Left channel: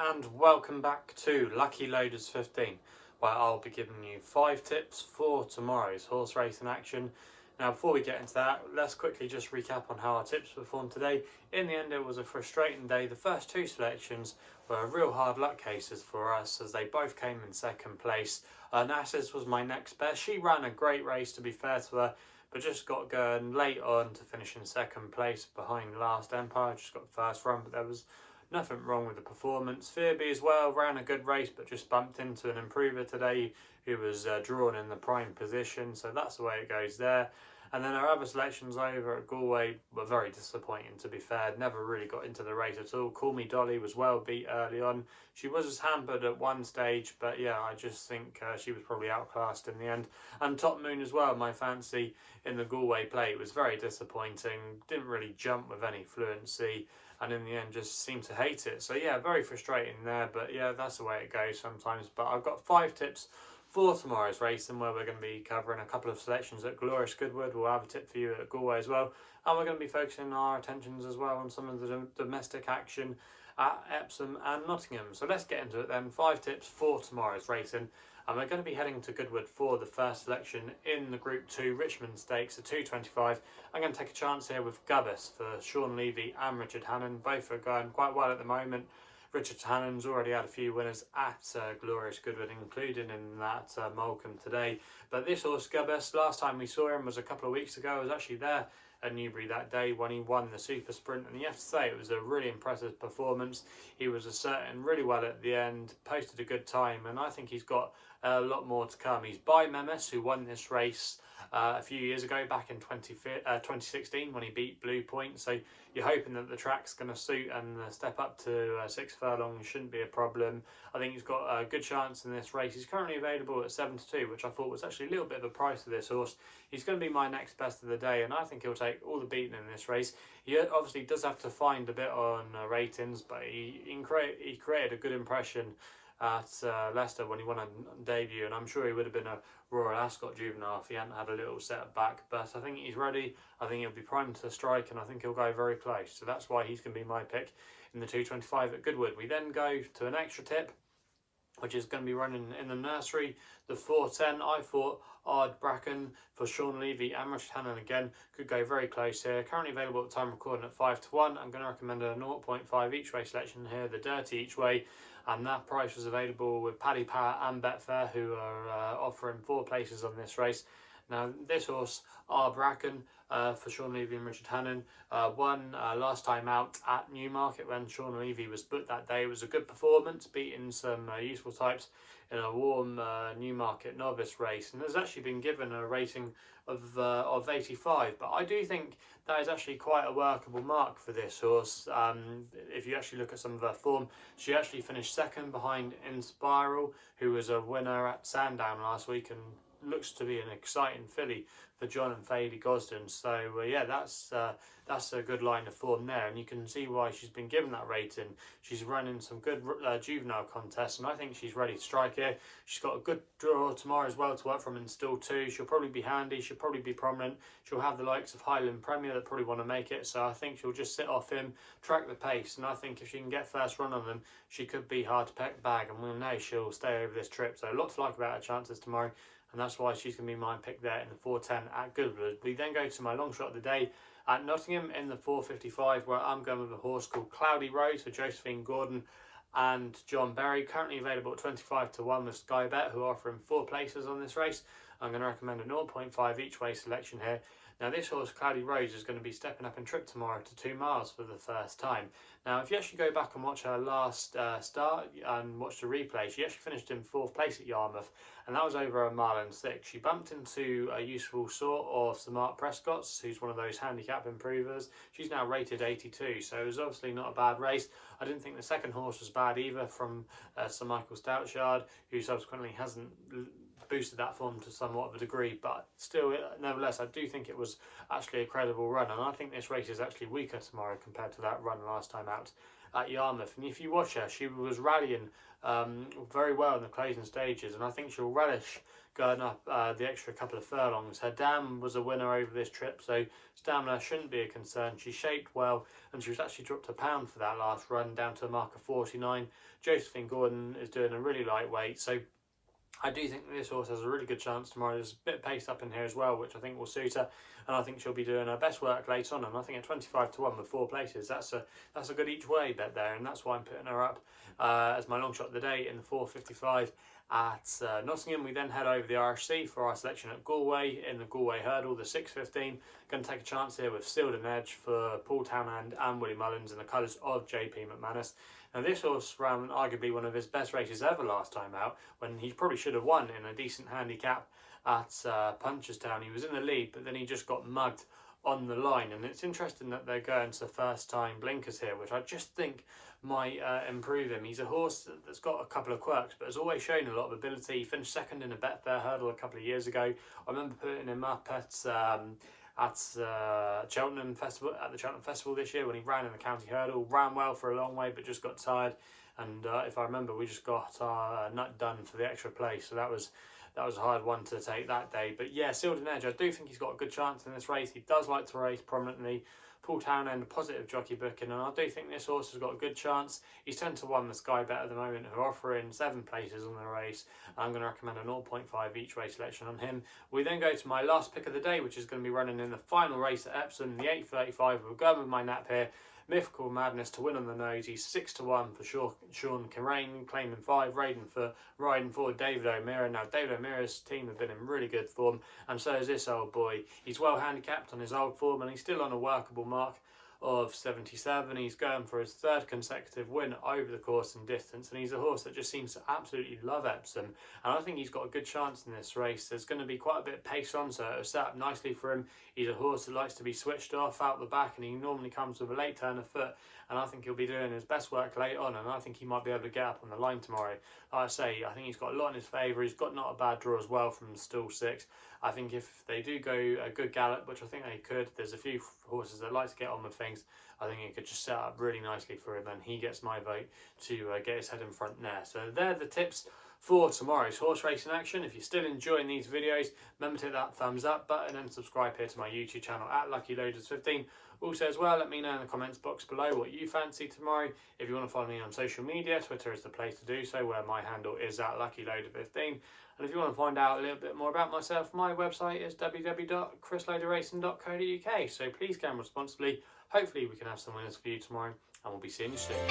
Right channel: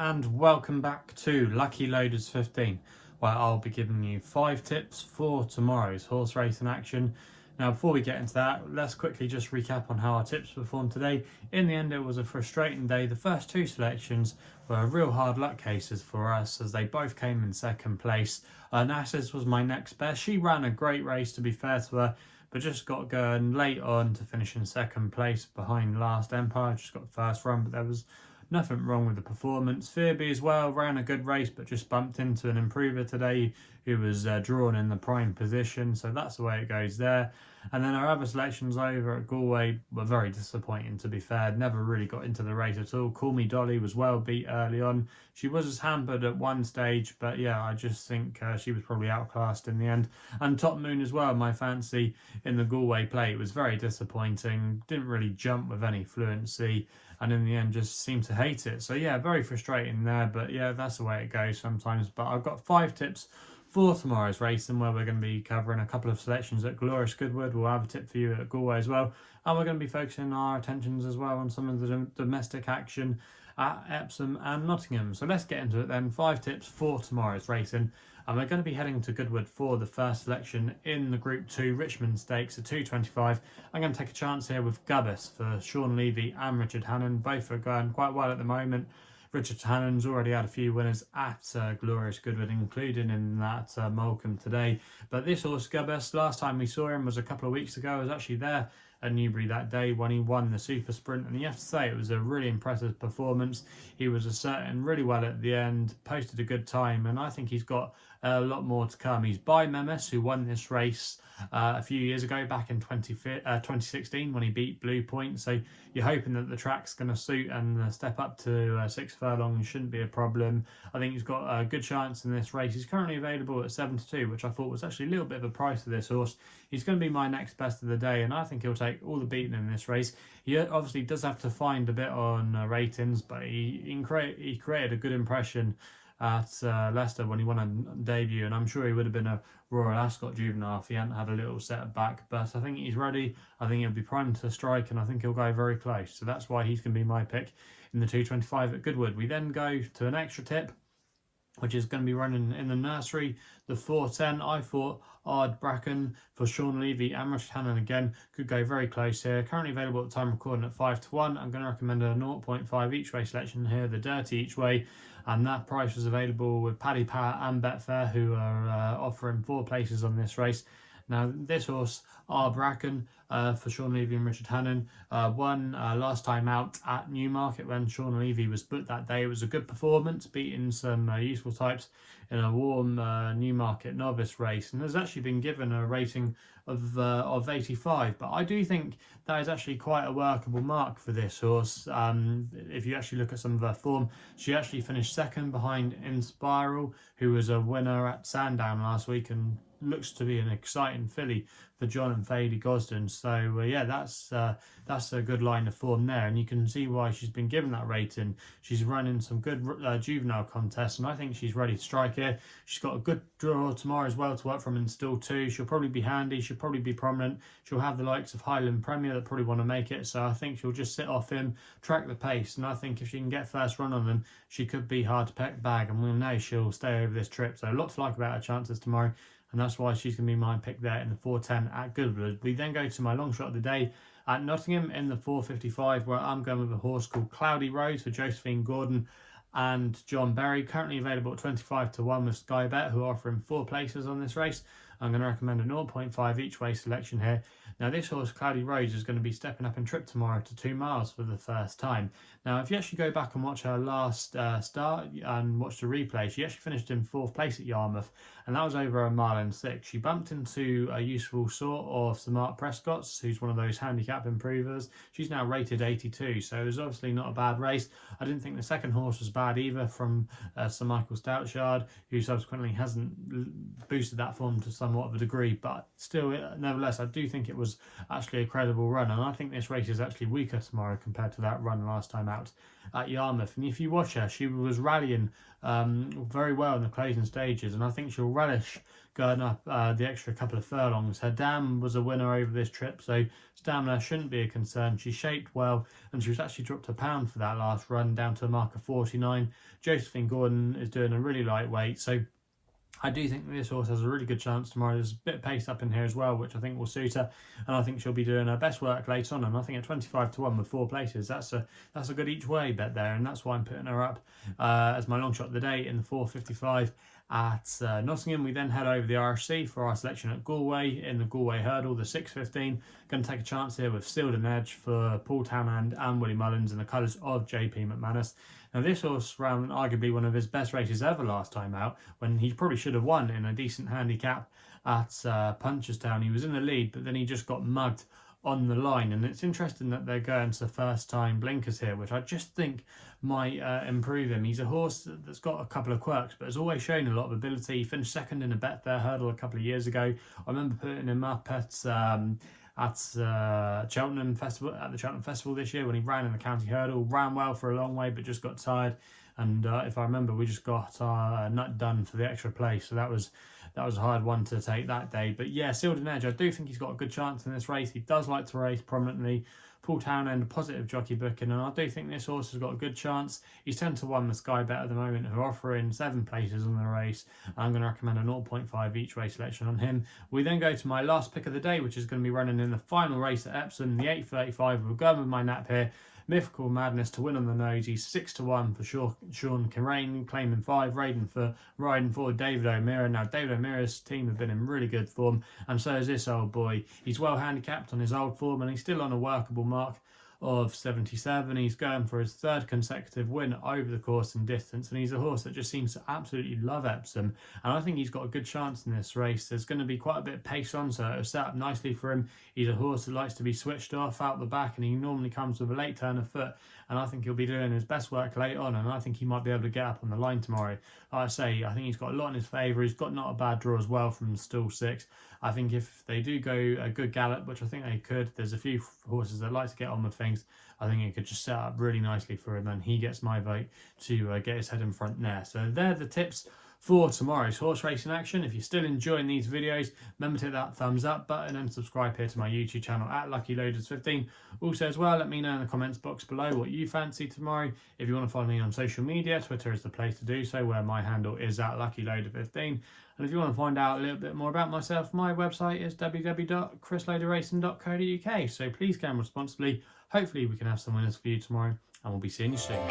and welcome back to Lucky Loaders 15, where I'll be giving you 5 tips for tomorrow's horse racing action. Now before we get into that, let's quickly just recap on how our tips performed today. In the end, it was a frustrating day. The first 2 selections were real hard luck cases for us as they both came in second place. Nassis was my next best. She ran a great race, to be fair to her, but just got going late on to finish in second place behind Last Empire. Just got the first run, but there was nothing wrong with the performance. Phoebe as well ran a good race, but just bumped into an improver today who was drawn in the prime position. So that's the way it goes there. And then our other selections over at Galway were very disappointing, to be fair. Never really got into the race at all. Call Me Dolly was well beat early on. She was hampered at one stage, but yeah, I just think she was probably outclassed in the end. And Top Moon as well, my fancy in the Galway plate, was very disappointing. Didn't really jump with any fluency, and in the end just seemed to hate it. So yeah, very frustrating there, but yeah, that's the way it goes sometimes. But I've got 5 tips for tomorrow's racing, where we're going to be covering a couple of selections at Glorious Goodwood. We'll have a tip for you at Galway as well, and we're going to be focusing our attentions as well on some of the domestic action at Epsom and Nottingham. So let's get into it then. 5 tips for tomorrow's racing, and we're going to be heading to Goodwood for the first selection in the Group 2 Richmond Stakes at 2:25. I'm going to take a chance here with Gubbass for Sean Levy and Richard Hannon. Both are going quite well at the moment. Richard Hannon's already had a few winners at Glorious Goodwood, including in that Molecombe today. But this horse, Gubbass, last time we saw him was a couple of weeks ago. I was actually there at Newbury that day when he won the Super Sprint, and you have to say it was a really impressive performance. He was asserting really well at the end, posted a good time, and I think he's got a lot more to come. He's by Memis, who won this race a few years ago, back in 2016 when he beat Blue Point. So you're hoping that the track's going to suit, and the step up to 6 furlongs shouldn't be a problem. I think he's got a good chance in this race. He's currently available at 7-2, which I thought was actually a little bit of a price for this horse. He's going to be my next best of the day, and I think he'll take all the beating in this race. He obviously does have to find a bit on ratings, but he created a good impression at Leicester when he won on debut, and I'm sure he would have been a Royal Ascot juvenile if he hadn't had a little setback. But I think he's ready. I think he'll be primed to strike, and I think he'll go very close. So that's why he's going to be my pick in the 2:25 at Goodwood. We then go to an extra tip, which is going to be running in the nursery, the 4:10. I thought Ardbraccan for Sean Levy and Richard Hannon again could go very close here. Currently available at the time recording at 5-1. I'm going to recommend a 0.5 each way selection here, the Dirty each way, and that price was available with PaddyPower and Betfair, who are offering 4 places on this race. Now this horse, Ardbraccan, for Sean Levy and Richard Hannon, won last time out at Newmarket when Sean Levy was booked that day. It was a good performance, beating some useful types in a warm Newmarket novice race, and has actually been given a rating of 85. But I do think that is actually quite a workable mark for this horse. If you actually look at some of her form, she actually finished second behind Inspiral, who was a winner at Sandown last week, and looks to be an exciting filly for John and Fady Gosden. So yeah, that's a good line of form there, and you can see why she's been given that rating. She's running some good juvenile contests, and I think she's ready to strike here. She's got a good draw tomorrow as well to work from in Still 2. She'll probably be handy, she'll probably be prominent. She'll have the likes of Highland Premier that probably want to make it, so I think she'll just sit off him, track the pace, and I think if she can get first run on them, she could be hard to peck bag, and we'll know she'll stay over this trip. So a lot to like about her chances tomorrow, and that's why she's going to be my pick there in the 4:10 at Goodwood. We then go to my long shot of the day at Nottingham in the 4:55, where I'm going with a horse called Cloudy Rose for Josephine Gordon and John Berry, currently available at 25-1 with SkyBet, who are offering 4 places on this race. I'm going to recommend a 0.5 each way selection here. Now this horse, Cloudy Rose, is going to be stepping up in trip tomorrow to 2 miles for the first time. Now if you actually go back and watch her last start and watch the replay, she actually finished in 4th place at Yarmouth, and that was over a mile and 6. She bumped into a useful sort of Sir Mark Prescott's, who's one of those handicap improvers. She's now rated 82, so it was obviously not a bad race. I didn't think the second horse was bad either, from Sir Michael Stoutshard, who subsequently hasn't boosted that form to some somewhat of a degree, but still, nevertheless, I do think it was actually a credible run, and I think this race is actually weaker tomorrow compared to that run last time out at Yarmouth. And if you watch her, she was rallying very well in the closing stages, and I think she'll relish going up the extra couple of furlongs. Her dam was a winner over this trip, so stamina shouldn't be a concern. She shaped well, and she was actually dropped a pound for that last run, down to a mark of 49. Josephine Gordon is doing a really lightweight, so I do think that this horse has a really good chance tomorrow. There's a bit of pace up in here as well, which I think will suit her, and I think she'll be doing her best work late on. And I think at 25 to 1 with 4 places, that's a good each way bet there, and that's why I'm putting her up as my long shot of the day in the 4.55 at Nottingham. We then head over the RSC for our selection at Galway in the Galway Hurdle, the 6.15. Going to take a chance here with Ciel and Neige for Paul Townend and Willie Mullins in the colours of JP McManus. Now this horse ran arguably one of his best races ever last time out, when he probably should have won in a decent handicap at Punchestown. He was in the lead, but then he just got mugged on the line, and it's interesting that they're going to first time blinkers here, which I just think might improve him. He's a horse that's got a couple of quirks, but has always shown a lot of ability. He finished second in a Betfair hurdle a couple of years ago. I remember putting him up at Cheltenham Festival, at the Cheltenham Festival this year, when he ran in the county hurdle. Ran well for a long way, but just got tired, and if I remember, we just got our nut done for the extra place, so that was a hard one to take that day. But yeah, Ciel and Neige, I do think he's got a good chance in this race. He does like to race prominently. Paul Townend, a positive jockey booking, and I do think this horse has got a good chance. He's 10 to 1 with SkyBet at the moment, who are offering 7 places on the race. I'm going to recommend a 0.5 each way selection on him. We then go to my last pick of the day, which is going to be running in the final race at Epsom, the 8.35. We're going with my nap here. Mythical Madness to win on the nose. He's 6 to 1 for Sean Kerrane, claiming 5. Riding for David O'Meara. Now, David O'Meara's team have been in really good form, and so is this old boy. He's well handicapped on his old form, and he's still on a workable mark of 77. He's going for his 3rd consecutive win over the course and distance, and he's a horse that just seems to absolutely love Epsom, and I think he's got a good chance in this race. There's going to be quite a bit of pace on, so it'll set up nicely for him. He's a horse that likes to be switched off out the back, and he normally comes with a late turn of foot, and I think he'll be doing his best work late on, and I think he might be able to get up on the line tomorrow. Like I say, I think he's got a lot in his favour. He's got not a bad draw as well from stall 6. I think if they do go a good gallop, which I think they could, there's a few horses that like to get on with things. I think it could just set up really nicely for him, and he gets my vote to get his head in front there. So they're the tips for tomorrow's horse racing action. If you're still enjoying these videos, remember to hit that thumbs up button and subscribe here to my YouTube channel at LuckyLoaders15. Also as well, let me know in the comments box below what you fancy tomorrow. If you want to follow me on social media, Twitter is the place to do so, where my handle is at LuckyLoader15. And if you want to find out a little bit more about myself, my website is www.chrisloaderracing.co.uk. So please gamble responsibly. Hopefully we can have some winners for you tomorrow, and we'll be seeing you soon.